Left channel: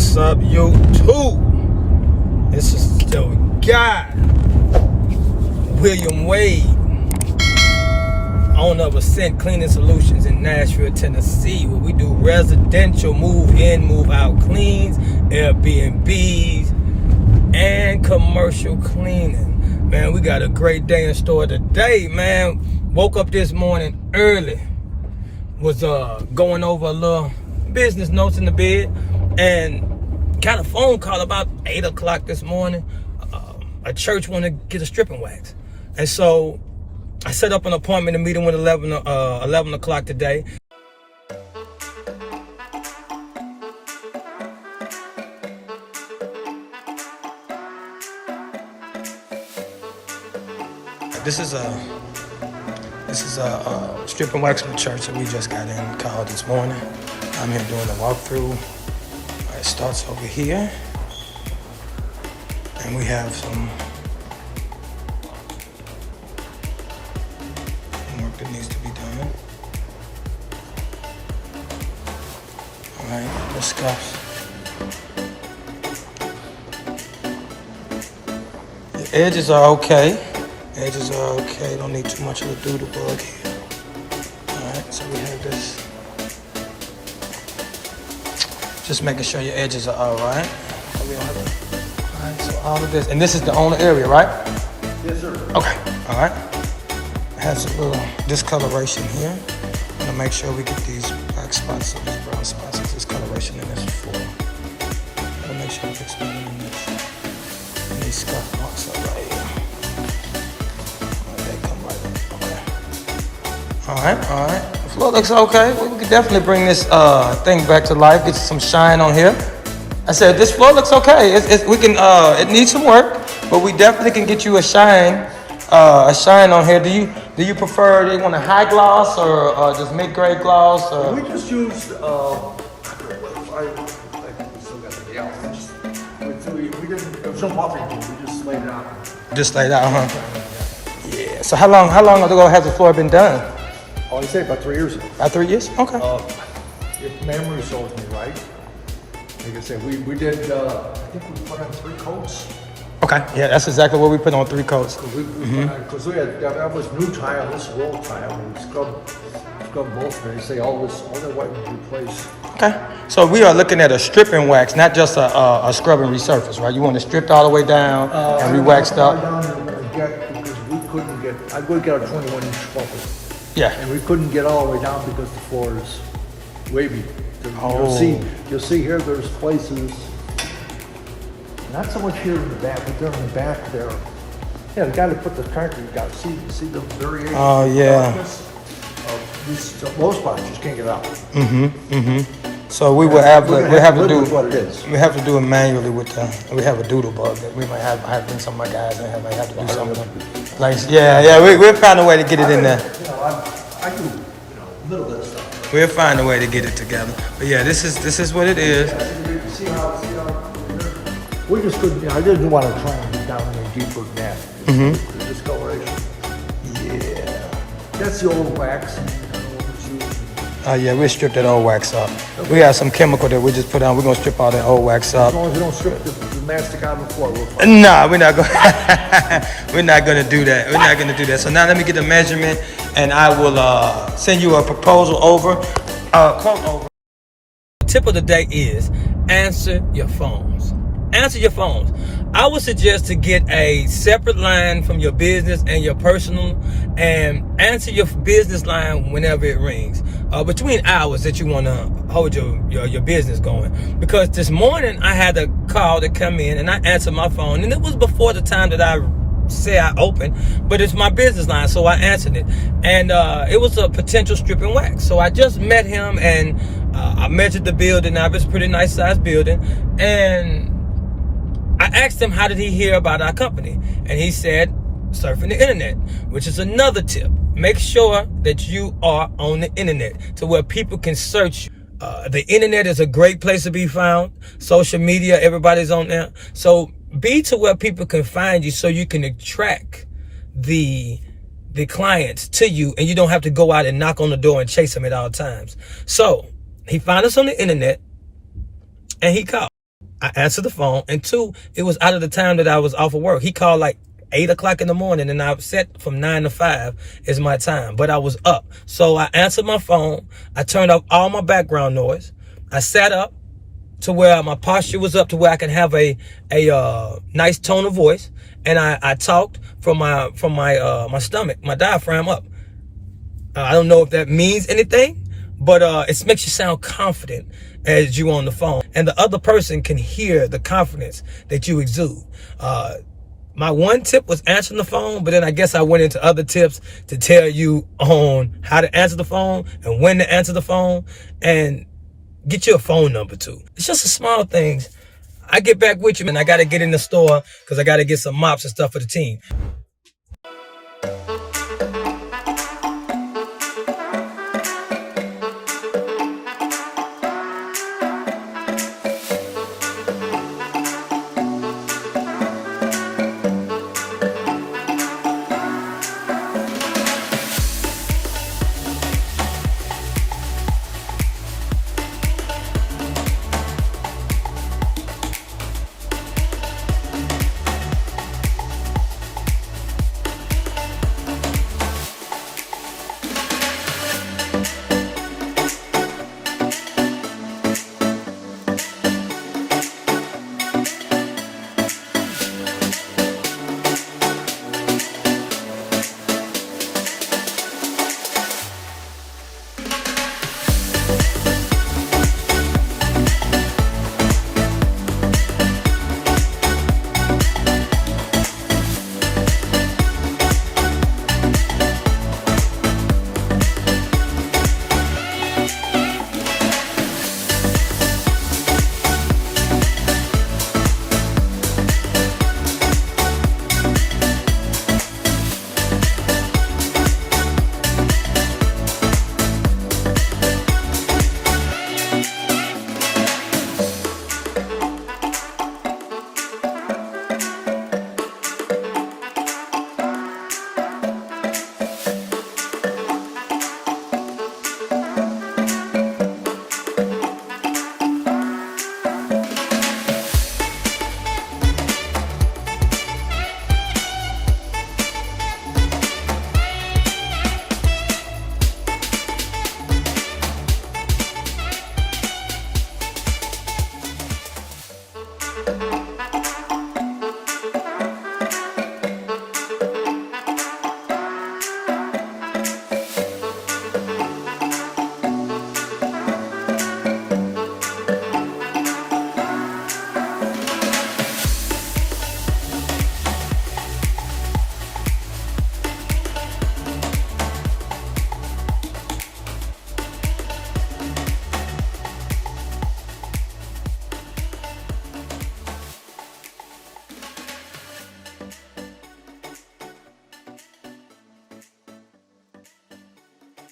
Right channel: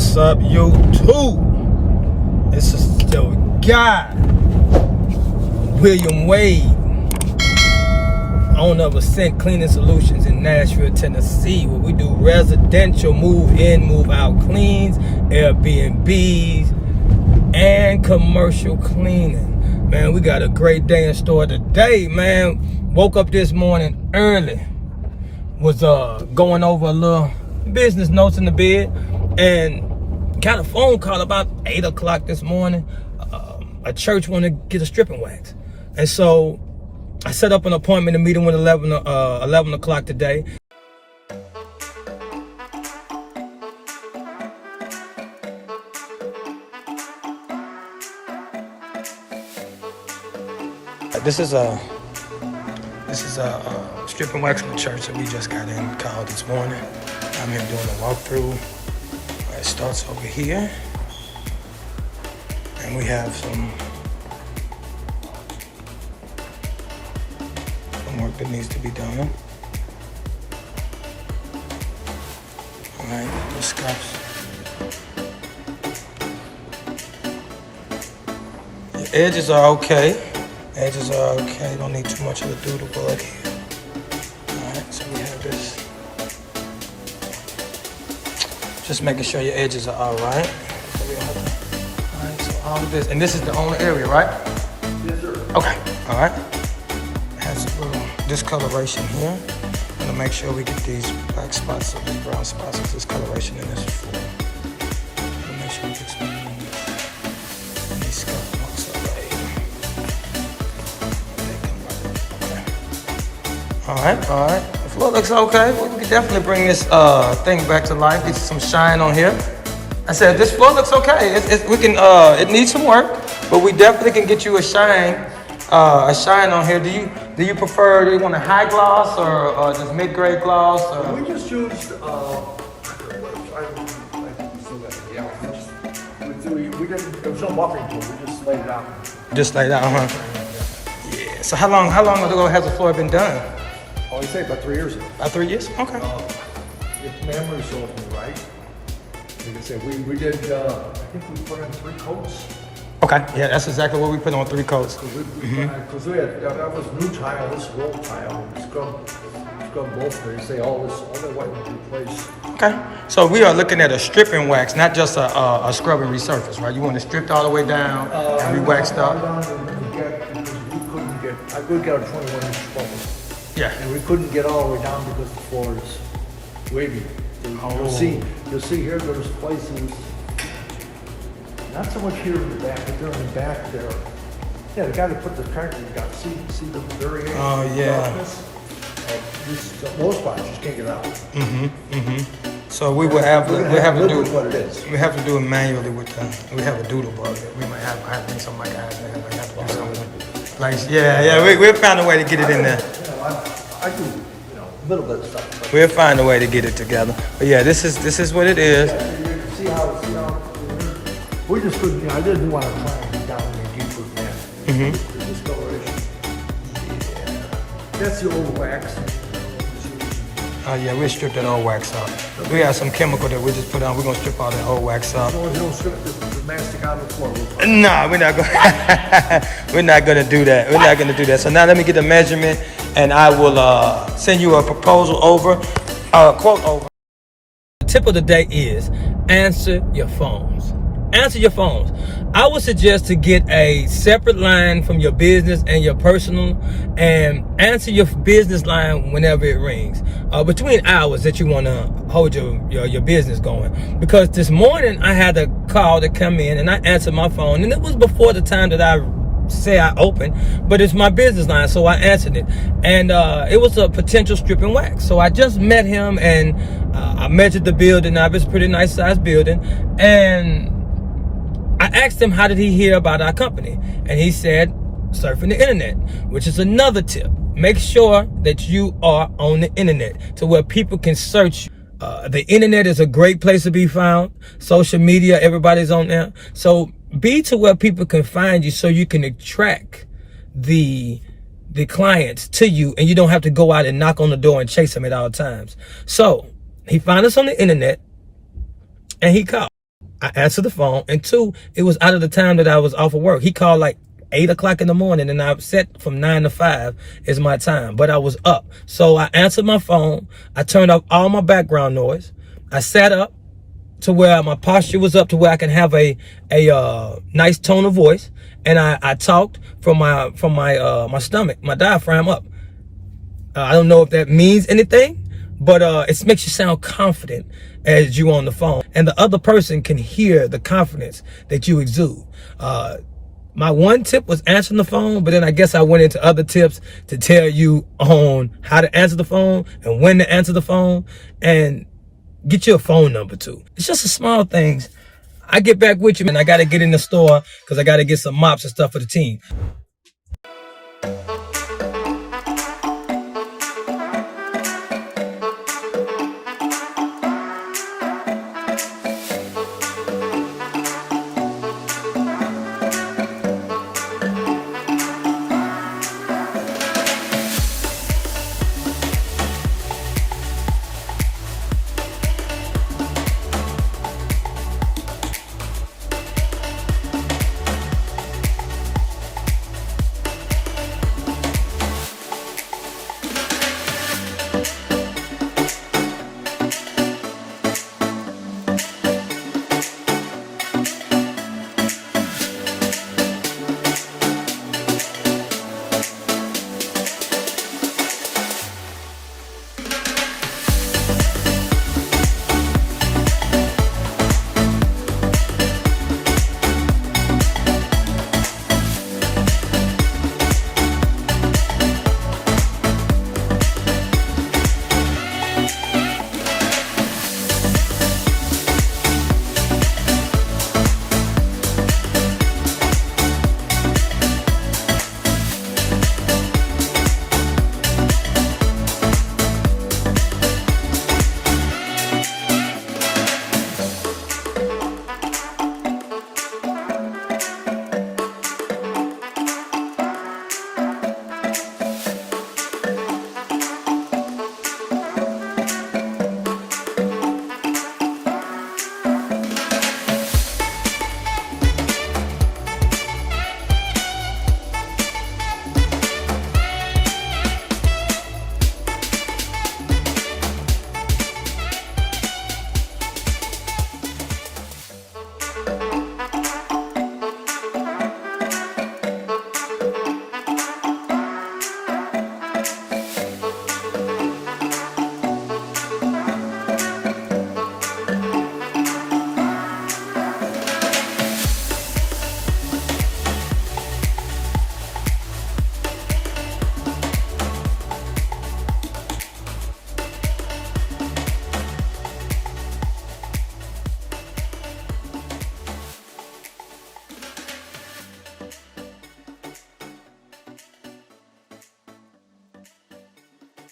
What's up, YouTube? This is the guy, W.A.D., owner of Ascent Cleaning Solutions in Nashville, Tennessee, where we do residential move-in, move-out cleans, Airbnbs, and commercial cleaning. Man, we got a great day in store today, man. Woke up this morning early. Was going over a little business notes in the bed, and got a phone call about 8 o'clock this morning. A church wanted to get a stripping wax, and so I set up an appointment to meet him with 11 o'clock today. This is a stripping wax from the church that we just got in called this morning. I'm here doing a walkthrough. It starts over here, and we have some work that needs to be done. All right, let's go. The edges are okay. Edges are okay. Don't need too much of a doodle bug here. All right, so we have this. Just making sure your edges are all right. So we don't have to. All right, so all of this, and this is the only area, right? Yes, sir. Okay. All right. It has a little discoloration here. I'm gonna make sure we get these black spots or these brown spots with discoloration in this floor. We'll make sure we fix them in this. These scuff marks are right here. They come right up. Okay. All right. The floor looks okay. Well, we can definitely bring this thing back to life. Get some shine on here. I said this floor looks okay. It needs some work, but we definitely can get you a shine on here. Do you prefer? Do you want a high gloss or just mid-grade gloss? We just use there was no buffing to it. We just laid it out. Just laid out, huh? Yeah. So how long ago has the floor been done? Oh, I say about 3 years ago. About 3 years? Okay. If memory serves me right, like I said, we did. I think we put on 3 coats. Okay. Yeah, that's exactly what we put on, 3 coats. Because we had that was new tile, this is old tile. We scrubbed both. They say all the white was replaced. Okay. So we are looking at a stripping wax, not just a scrub and resurface, right? You want it stripped all the way down and re-waxed up. Because we got a 21-inch focus. Yeah. And we couldn't get all the way down because the floor is wavy. So Oh. you'll see here there's places, not so much here in the back, but there in the back there. Yeah, the guy that put the concrete got see the very edge. Oh, yeah. Those spots just can't get out. So we will have to What it is. we have to do it manually with we have a doodle bug that we might have. I have some of my guys might have to do some of them. Like we'll find a way to get it in there. I do a little bit of stuff. We'll find a way to get it together. But yeah, this is what it is. See how we just couldn't. I didn't want to try and get down any deeper than that. The discoloration. Yeah, that's the old wax. Oh yeah, we'll strip that old wax up. We have some chemical that we just put on. We're gonna strip all that old wax up. As long as you don't strip the mastic on the floor. Nah, we're not gonna we're not gonna do that. We're not gonna do that. So now let me get a measurement, and I will send you a proposal over, quote over. The tip of the day is answer your phones. Answer your phones. I would suggest to get a separate line from your business and your personal, and answer your business line whenever it rings, between hours that you want to hold your business going. Because this morning I had a call that come in, and I answered my phone, and it was before the time that I say I opened, but it's my business line, so I answered it, and it was a potential stripping wax. So I just met him, and I measured the building. Now it's a pretty nice sized building, and I asked him how did he hear about our company, and he said surfing the internet, which is another tip. Make sure that you are on the internet to where people can search you. The internet is a great place to be found. Social media, everybody's on there. So be to where people can find you so you can attract the clients to you, and you don't have to go out and knock on the door and chase them at all times. So he found us on the internet, and he called. I answered the phone, and 2, it was out of the time that I was off of work. He called like 8 o'clock in the morning, and I set from 9 to 5 is my time, but I was up. So I answered my phone. I turned off all my background noise. I sat up to where my posture was up to where I can have a nice tone of voice, and I talked from my stomach, my diaphragm up. I don't know if that means anything, but it makes you sound confident as you on the phone, and the other person can hear the confidence that you exude. My one tip was answering the phone, but then I guess I went into other tips to tell you on how to answer the phone and when to answer the phone, and get your phone number too. It's just the small things. I get back with you, and I got to get in the store because I got to get some mops and stuff for the team.